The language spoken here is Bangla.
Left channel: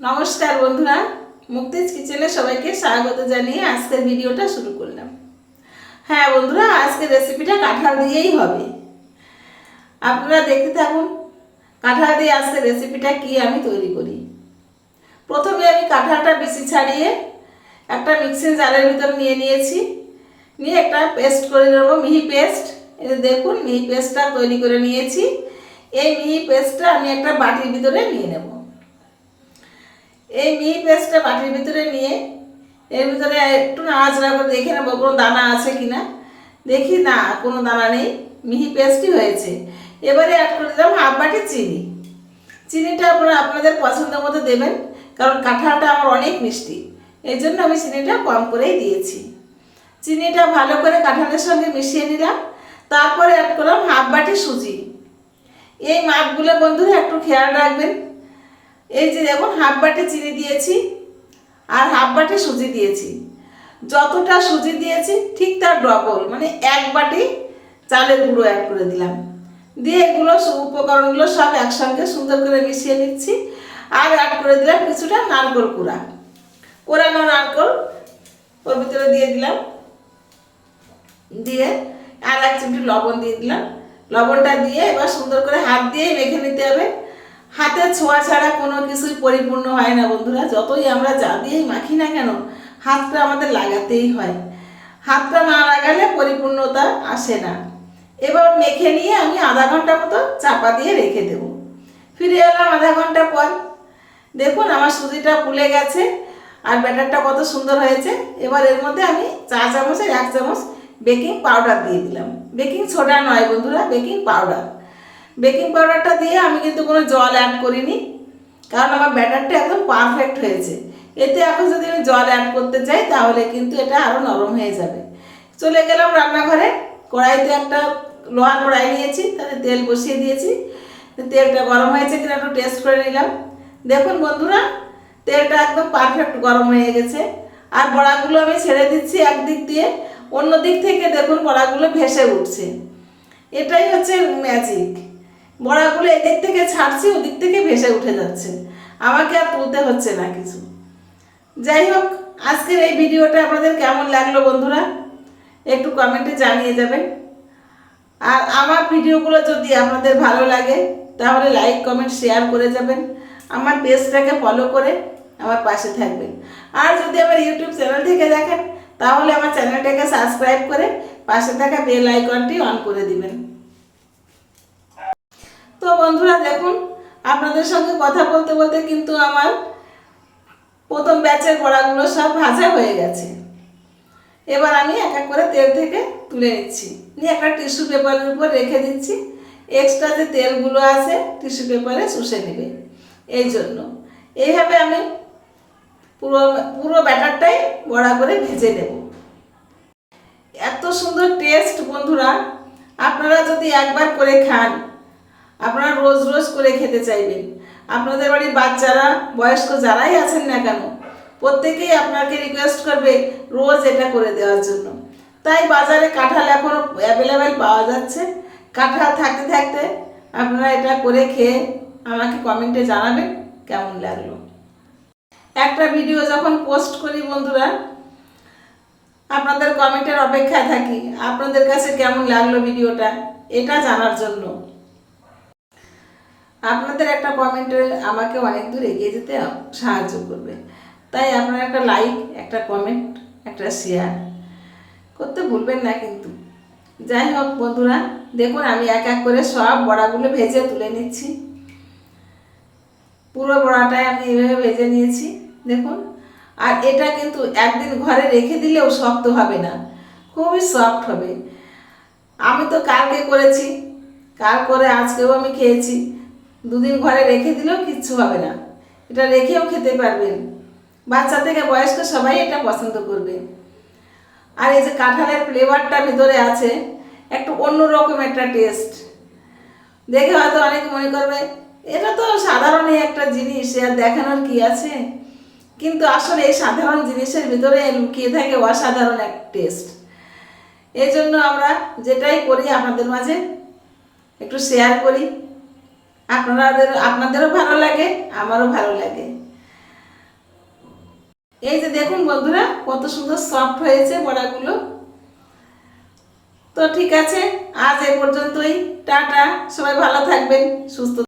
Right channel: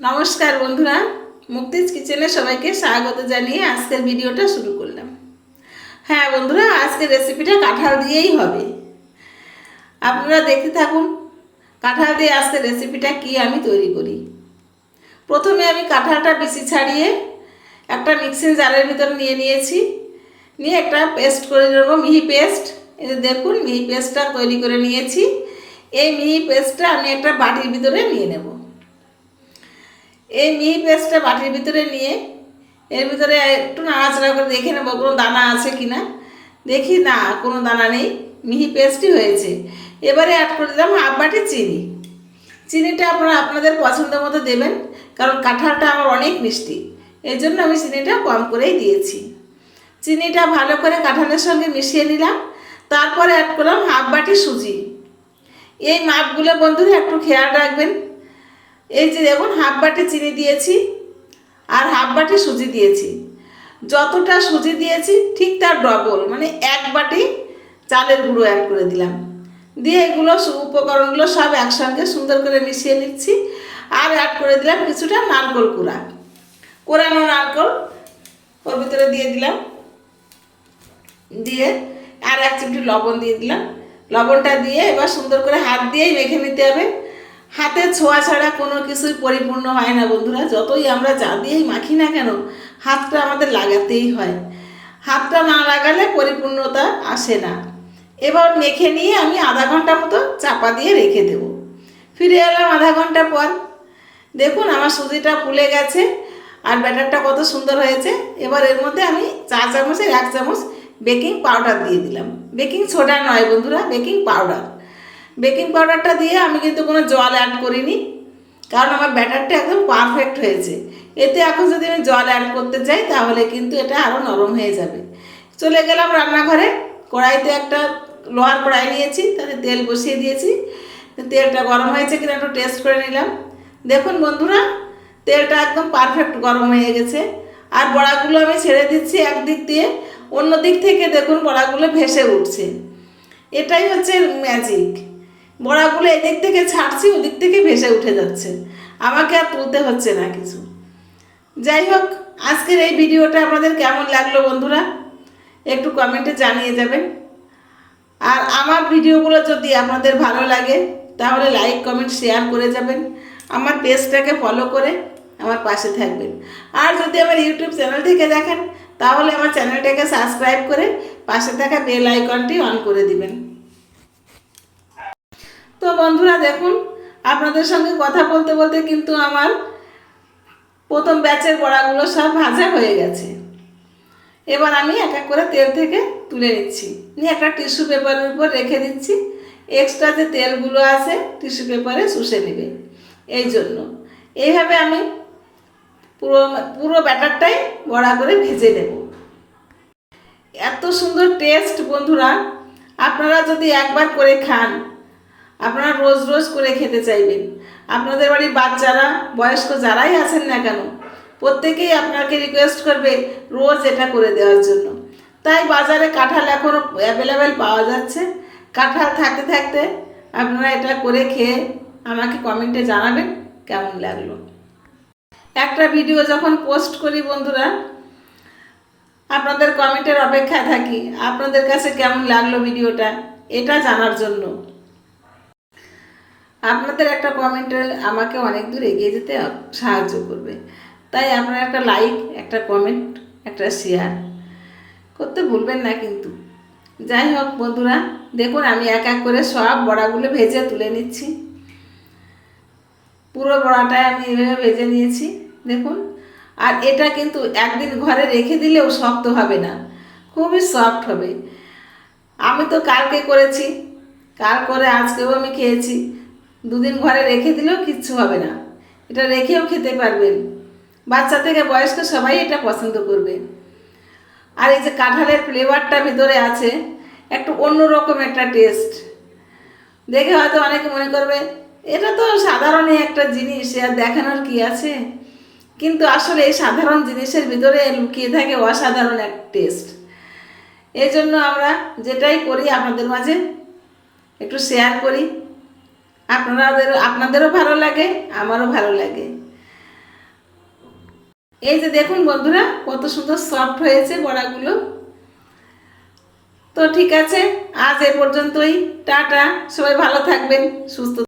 नमस्कार बंधुरा मुक्तिज किचेने सबाइके स्वागत जानिए आजकेर भिडियोटा शुरू करलाम। हाँ बंधुरा आजकेर रेसिपिटा काँठाल दिएई होबे। आपनारा देखते थाकुन काँठाल दिए आजकेर रेसिपिटा कि आमी तैरी करी। प्रथमे आमी काँठालटा बिछि छाड़िए एकटा मिक्सिर जारेर भितर निये नियेछि, निये एकटा पेस्ट करे नेब, मिहि पेस्ट। এই দেখুন মিহি পেস্টটা তৈরি করে নিয়েছি। এই মিহি পেস্টটা আমি একটা বাটির ভিতরে নিয়ে নেব। এই মিহি পেস্টটা বাটির ভিতরে নিয়ে এর ভিতরে একটু নাড়াচাড়া করে দেখে নেব কোনো দানা আছে কিনা। দেখি না কোনো দানা নেই, মিহি পেস্টই হয়েছে। এবারে অ্যাড করে দিলাম হাফ বাটি চিনি। চিনিটা আপনারা আপনাদের পছন্দ মতো দেবেন, কারণ কাঁঠালটা আমার অনেক মিষ্টি, এই জন্য আমি চিনিটা কম করেই দিয়েছি। চিনিটা ভালো করে কাঁঠালের সঙ্গে মিশিয়ে নিলাম। তারপরে অ্যাড করলাম হাফ বাটি সুজি। এই মাপগুলো বন্ধুরা একটু খেয়াল রাখবেন। এই যে দেখুন হাফ বাটি চিনি দিয়েছি আর হাফ বাটি সুজি দিয়েছি। যতটা সুজি দিয়েছি ঠিক তার ডবল, মানে এক বাটি চালের গুঁড়ো অ্যাড করে দিলাম। দিয়ে এগুলো উপকরণগুলো সব একসঙ্গে সুন্দর করে মিশিয়ে নিচ্ছি। আর অ্যাড করে দিলাম কিছুটা নারকেল কোরানো নারকেল ওর ভিতরে দিয়ে দিলাম। দিয়ে আর এক চিমটি লবণ দিয়ে দিলাম। লবণটা দিয়ে এবার সুন্দর করে হাত দিয়েই মেখে নিতে হবে। হাতে ছোঁয়া ছাড়া কোনো কিছুই পরিপূর্ণ হয় না বন্ধুরা। যতই আমরা যা দিয়েই মাখি না কেন, হাতটা আমাদের লাগাতেই হয়। হাতটা না লাগালে পরিপূর্ণতা আসে না। এবার মেখে নিয়ে আমি আধা ঘন্টা মতো চাপা দিয়ে রেখে দেব। ফিরে এলাম আধা ঘন্টা পর। দেখুন আমার সুজিটা ফুলে গেছে আর ব্যাটারটা কত সুন্দর হয়েছে। এবার এর মধ্যে আমি চা চামচের এক চামচ বেকিং পাউডার দিয়ে দিলাম। বেকিং সোডা নয় বন্ধুরা, বেকিং পাউডার। বেকিং পাউডারটা দিয়ে আমি কিন্তু কোনো জল অ্যাড করিনি, কারণ আমার ব্যাটারটা একদম পারফেক্ট হয়েছে। এতে এখন যদি আমি জল অ্যাড করতে চাই তাহলে কিন্তু এটা আরও নরম হয়ে যাবে। চলে গেলাম রান্নাঘরে। কড়াইতে একটা লোহার কড়াই নিয়েছি, তাতে তেল বসিয়ে দিয়েছি। তেলটা গরম হয়েছে কিনা একটু টেস্ট করে নিলাম। দেখুন বন্ধুরা তেলটা একদম পারফেক্ট গরম হয়ে গেছে। আর বড়াগুলো আমি ছেড়ে দিচ্ছি একদিক দিয়ে, অন্য দিক থেকে দেখুন বড়াগুলো ভেসে উঠছে। এটাই হচ্ছে ম্যাজিক। বড়াগুলো এদিক থেকে ছাড়ছি, ওদিক থেকে ভেসে উঠে যাচ্ছে, আমাকে আর তুলতে হচ্ছে না কিছু। যাই হোক, আজকের এই ভিডিওটা আপনাদের কেমন লাগলো বন্ধুরা একটু কমেন্টে জানিয়ে যাবেন। আর আমার ভিডিওগুলো যদি আপনাদের ভালো লাগে তাহলে লাইক কমেন্ট শেয়ার করে যাবেন। আমার পেজটাকে ফলো করে আমার পাশে থাকবেন। আর যদি আমার ইউটিউব চ্যানেল থেকে দেখেন তাহলে আমার চ্যানেলটাকে সাবস্ক্রাইব করে পাশে থাকা বেল আইকনটি অন করে দিবেন। তো বন্ধুরা দেখুন আপনাদের সঙ্গে কথা বলতে বলতে কিন্তু আমার প্রথম ব্যাচের বড়াগুলো সব ভাজা হয়ে গেছে। এবার আমি এক এক করে তেল থেকে তুলে নিচ্ছি, নিয়ে একটা টিস্যু পেপারের উপর রেখে দিচ্ছি। এক্সট্রা যে তেলগুলো আছে টিস্যু পেপারে শুষে নেবে, এই জন্য এইভাবে আমি পুরো ব্যাটারটাই বড়া করে ভেজে নেব। এত সুন্দর টেস্ট বন্ধুরা, আপনারা যদি একবার করে খান আপনারা রোজ রোজ করে খেতে চাইবেন। আপনাদের বাড়ির বাচ্চারা বয়স্ক যারাই আছেন না কেন প্রত্যেকেই আপনাকে রিকোয়েস্ট করবে রোজ এটা করে দেওয়ার জন্য। তাই বাজারে কাঁঠাল এখনও অ্যাভেলেবেল পাওয়া যাচ্ছে। কাঁঠাল থাকতে থাকতে আপনারা এটা করে খেয়ে আমাকে কমেন্টে জানাবেন কেমন লাগলো। একটা ভিডিও যখন পোস্ট করি বন্ধুরা আপনাদের কমেন্টের অপেক্ষায় থাকি, আপনাদের কাছে কেমন লাগলো ভিডিওটা এটা জানার জন্য। আপনাদের একটা কমেন্টে আমাকে অনেক দূর এগিয়ে যেতে সাহায্য করবে। তাই আপনারা একটা লাইক, একটা কমেন্ট, একটা শেয়ার করতে ভুলবেন না কিন্তু। যাই হোক বন্ধুরা দেখুন আমি এক এক করে সব বড়াগুলো ভেজে তুলে নিচ্ছি। পুরো বড়াটাই আমি এভাবে ভেজে নিয়েছি দেখুন। আর এটা কিন্তু একদিন ঘরে রেখে দিলেও শক্ত হবে না, খুবই সফট হবে। আমি তো কালকে করেছি, কাল করে আজকেও আমি খেয়েছি। দুদিন ঘরে রেখে দিলেও কিচ্ছু হবে না, এটা রেখেও খেতে পারবেন। বাচ্চা থেকে বয়স্ক সবাই এটা পছন্দ করবে। আর এই যে কাঁঠালের ফ্লেভারটা ভিতরে আছে একটু অন্যরকম একটা টেস্ট। দেখে হয়তো অনেকে মনে করবে এটা তো সাধারণই একটা জিনিস, আর দেখানোর কি আছে, কিন্তু আসলে এই সাধারণ জিনিসের ভিতরে লুকিয়ে থাকে অসাধারণ এক টেস্ট। এই জন্য আমরা যেটাই করি আপনাদের মাঝে একটু শেয়ার করি। আপনাদেরও ভালো লাগে, আমারও ভালো লাগে। এই যে দেখুন বন্ধুরা কত সুন্দর সফট হয়েছে বড়াগুলো। তো ঠিক আছে, আজ এ পর্যন্তই। টাটা, সবাই ভালো থাকবেন, সুস্থ